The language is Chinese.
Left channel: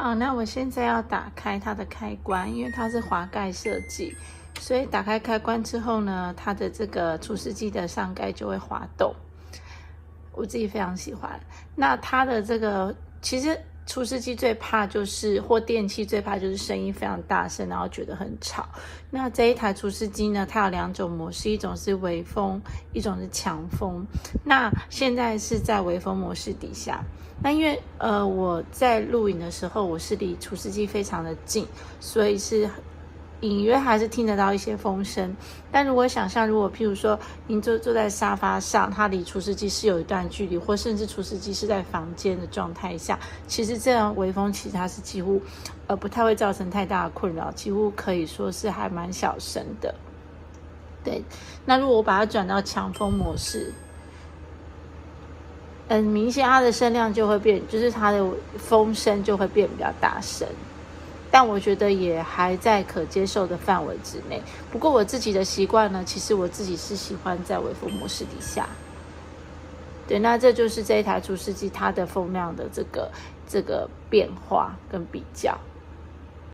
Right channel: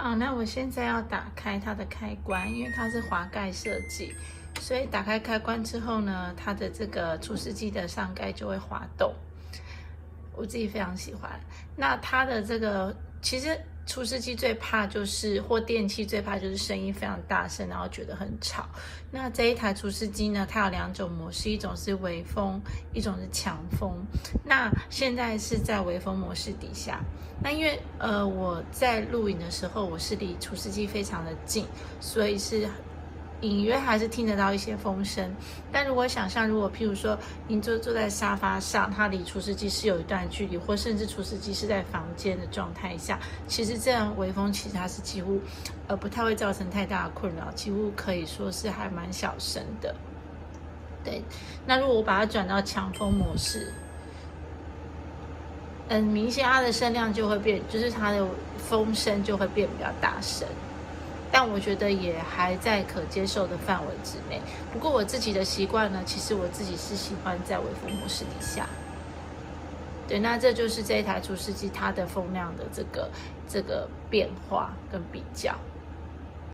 好，那我现在要打开它的开关，因为它是滑盖设计，所以打开开关之后呢，它的这个除湿机的上盖就会滑动，我自己非常喜欢。那它的这个其实除湿机最怕就是或电器最怕就是声音非常大声，然后觉得很吵。那这一台除湿机呢，它有2种模式，一种是微风，一种是强风。那现在是在微风模式底下。那因为我在录影的时候，我是离除湿机非常的近，所以是隐约还是听得到一些风声。但如果想象，如果譬如说您坐在沙发上，它离除湿机是有一段距离，或甚至除湿机是在房间的状态下，其实这样微风其实它是几乎不太会造成太大的困扰，几乎可以说是还蛮小声的。对，那如果我把它转到强风模式，很明显它的声量就会变，就是它的风声就会变比较大声。但我觉得也还在可接受的范围之内。不过我自己的习惯呢，其实我自己是喜欢在微风模式底下。对，那这就是这一台除湿机它的风量的这个变化跟比较。